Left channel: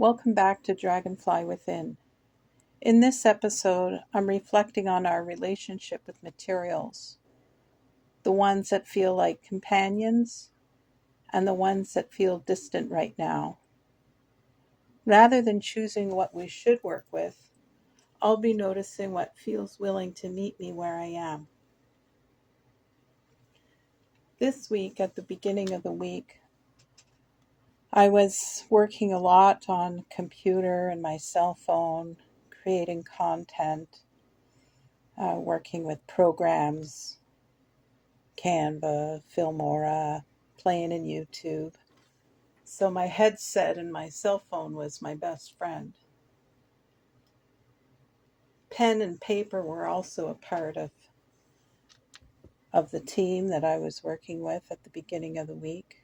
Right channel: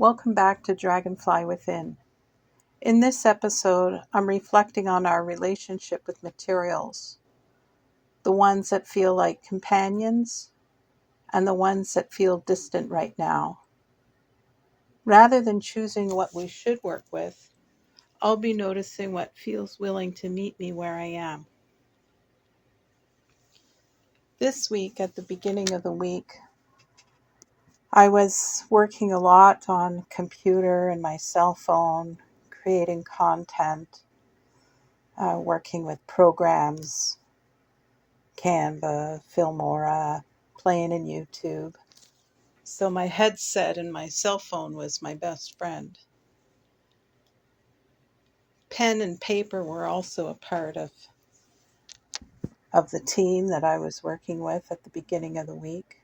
Welcome back to Dragonfly Within. In this episode, I'm reflecting on our relationship with materials, the ones that feel like companions and the ones that feel distant right now. Rather than choosing what we should work with, I'll be noticing what feels willing to meet me where I am. This week, at the beginning of the week, I was working a lot on computer and my cell phone, creating content, working with programs, Canva, Filmora, playing in YouTube. So my headset and my cell phone was my best friend. Pen and paper were also a part of the team that I was working with at the beginning of the week.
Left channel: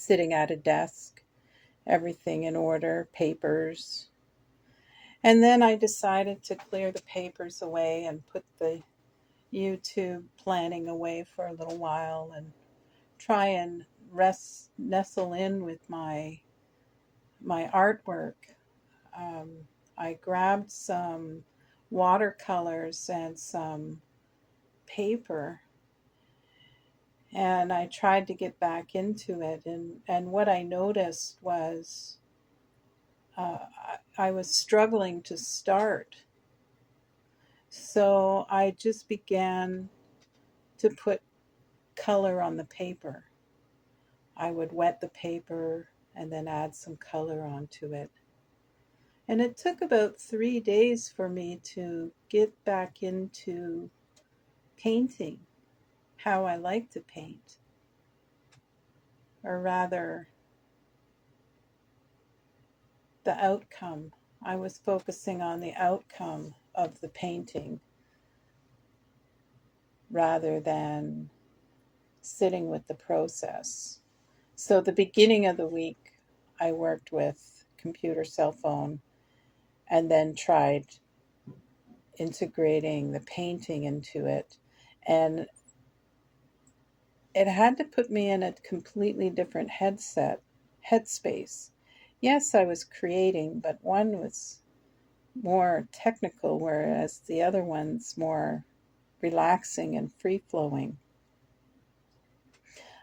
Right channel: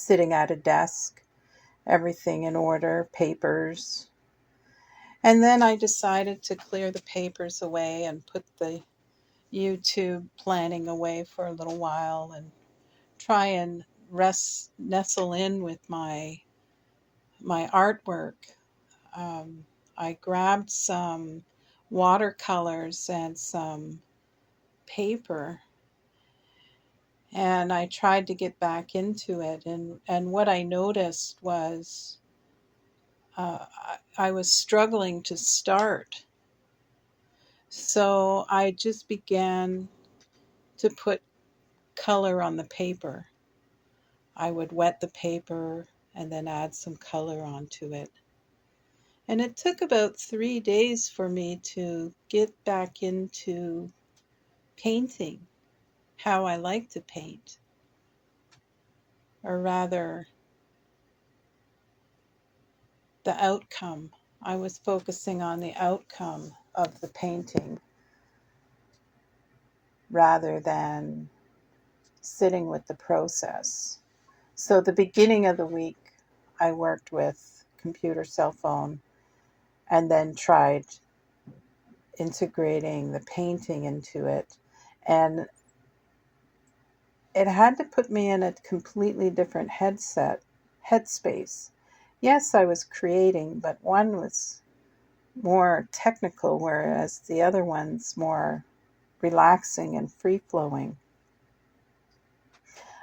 Sitting at a desk, everything in order, papers. And then I decided to clear the papers away and put the YouTube planning away for a little while and try and nestle in with my artwork. I grabbed some watercolors and some paper, and I tried to get back into it. And what I noticed was I was struggling to start. So I just began to put color on the paper. I would wet the paper and then add some color onto it. And it took about 3 days for me to get back into painting how I like to paint. Or rather, the outcome. I was focusing on the outcome of the painting rather than sitting with the process. So, the beginning of the week, I worked with computer, cell phone, and then tried integrating the painting into it. And it had to put me in a completely different headspace. Yes, I was creating, but one was more technical, whereas the other one's more relaxing and free flowing.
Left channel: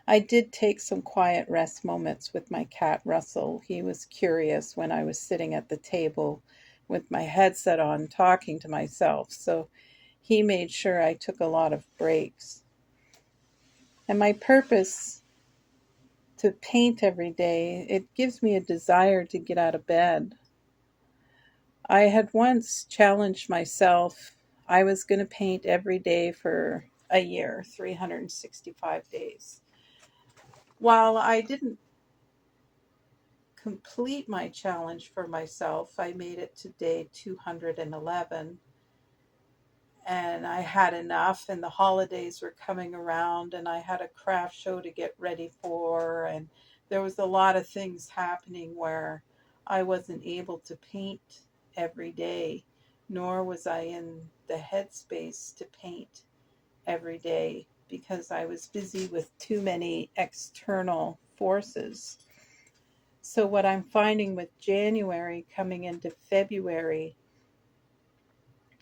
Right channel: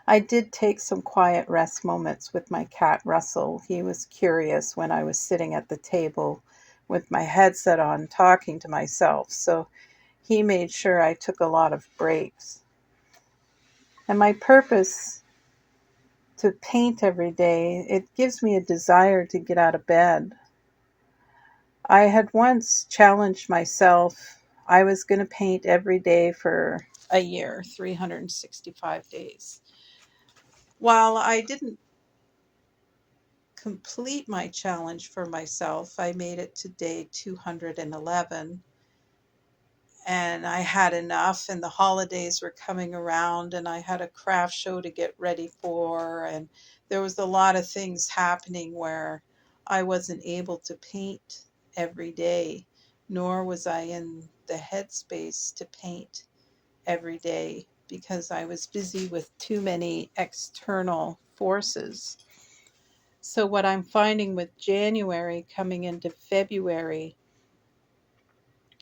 I did take some quiet rest moments with my cat Russell. He was curious when I was sitting at the table with my headset on talking to myself, so he made sure I took a lot of breaks. And my purpose to paint every day, it gives me a desire to get out of bed. I had once challenged myself. I was going to paint every day for a year, 365 days. While I didn't complete my challenge for myself, I made it to day 211. And I had enough, and the holidays were coming around, and I had a craft show to get ready for, and there was a lot of things happening where I wasn't able to paint every day, nor was I in the headspace to paint every day because I was busy with too many external forces. So what I'm finding with January coming into February,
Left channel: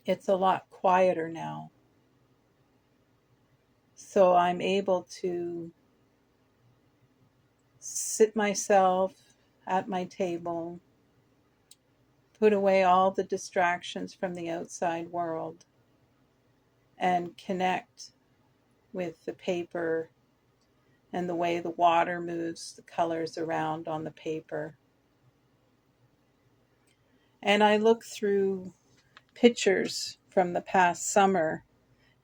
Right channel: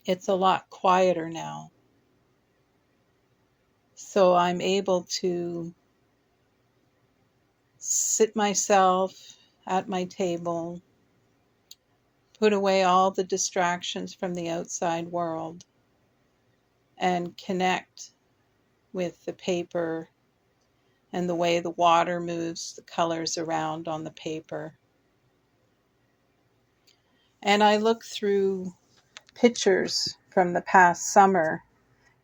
it's a lot quieter now. So I'm able to sit myself at my table, put away all the distractions from the outside world, and connect with the paper and the way the water moves the colors around on the paper. And I look through pictures from the past summer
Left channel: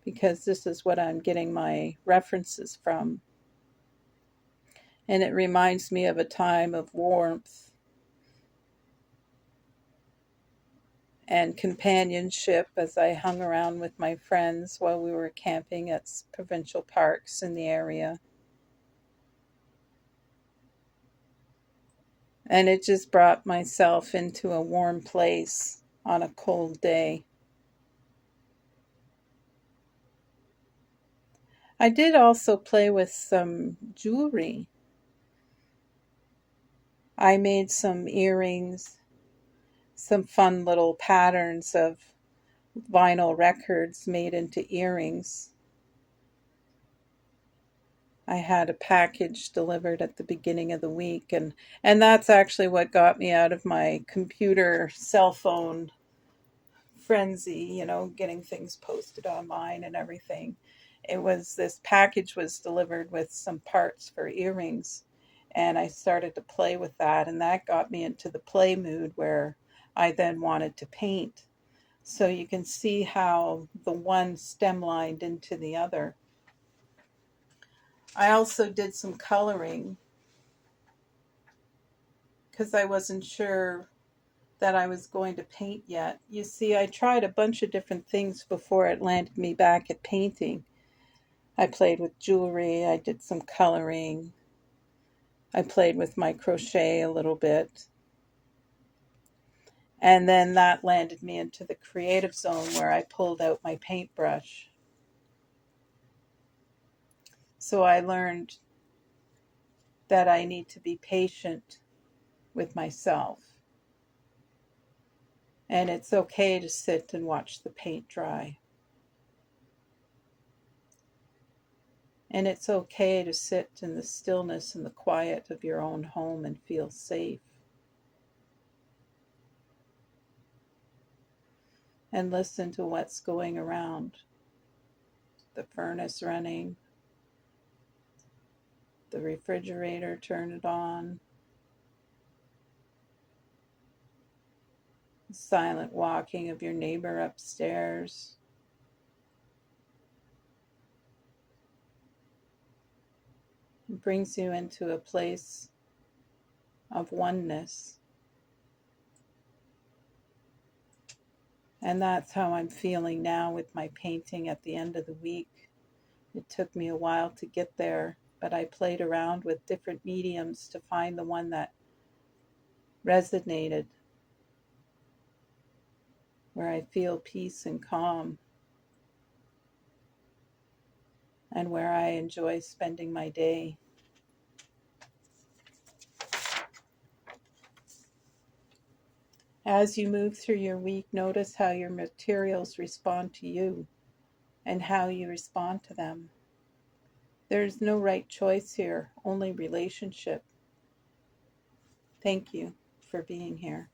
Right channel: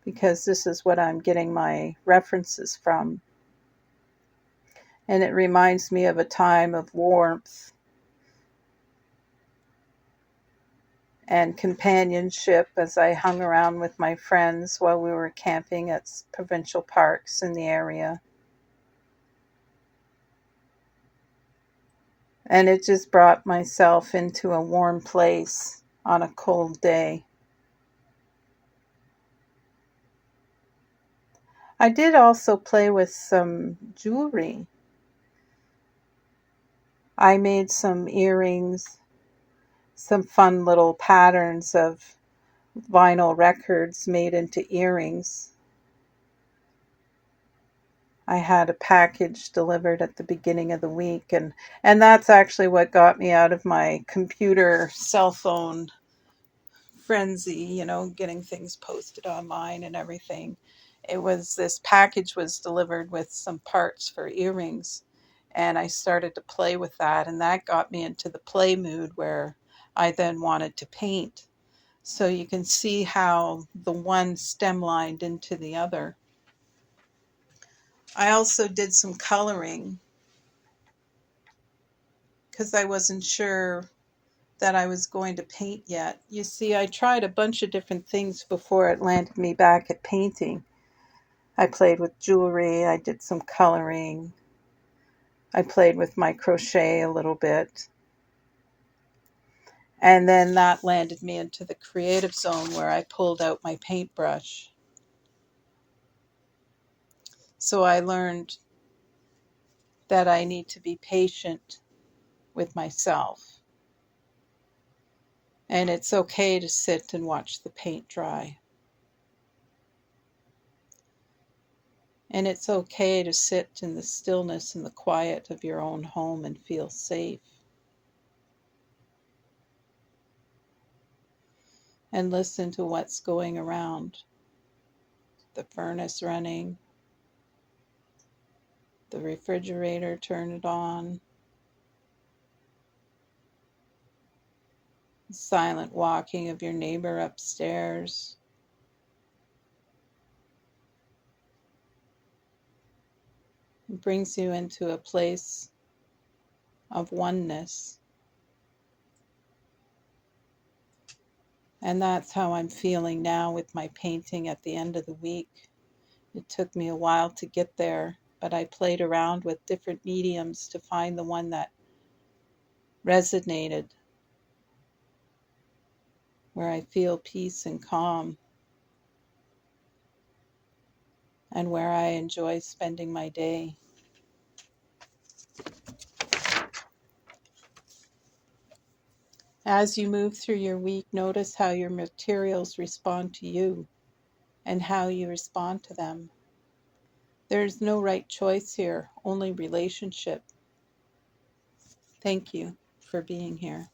because this is what I'm getting my references from. And it reminds me of a time of warmth and companionship as I hung around with my friends while we were camping at provincial parks in the area. And it just brought myself into a warm place on a cold day. I did also play with some jewelry. I made some earrings, some fun little patterns of vinyl records made into earrings. I had a package delivered at the beginning of the week, and that's actually what got me out of my computer cell phone frenzy, getting things posted online and everything. This package was delivered with some parts for earrings, and I started to play with that, and that got me into the play mood where I then wanted to paint. So you can see how the one stemlined into the other. I also did some coloring because I wasn't sure that I was going to paint yet. You see, I tried a bunch of different things before it landed me back at painting. I played with jewelry, I did some coloring, I played with my crochet a little bit. And then that landed me into the creative zone where I pulled out my paintbrush. So I learned that I need to be patient with myself. And it's okay to sit and watch the paint dry. And it's okay to sit in the stillness and the quiet of your own home and feel safe. And listen to what's going around. The furnace running, the refrigerator, turn it on, the silent walking of your neighbor upstairs. It brings you into a place of oneness. And that's how I'm feeling now with my painting at the end of the week. It took me a while to get there, but I played around with different mediums to find the one that resonated, where I feel peace and calm, and where I enjoy spending my day. As you move through your week, notice how your materials respond to you and how you respond to them. There's no right choice here, only relationship. Thank you for being here.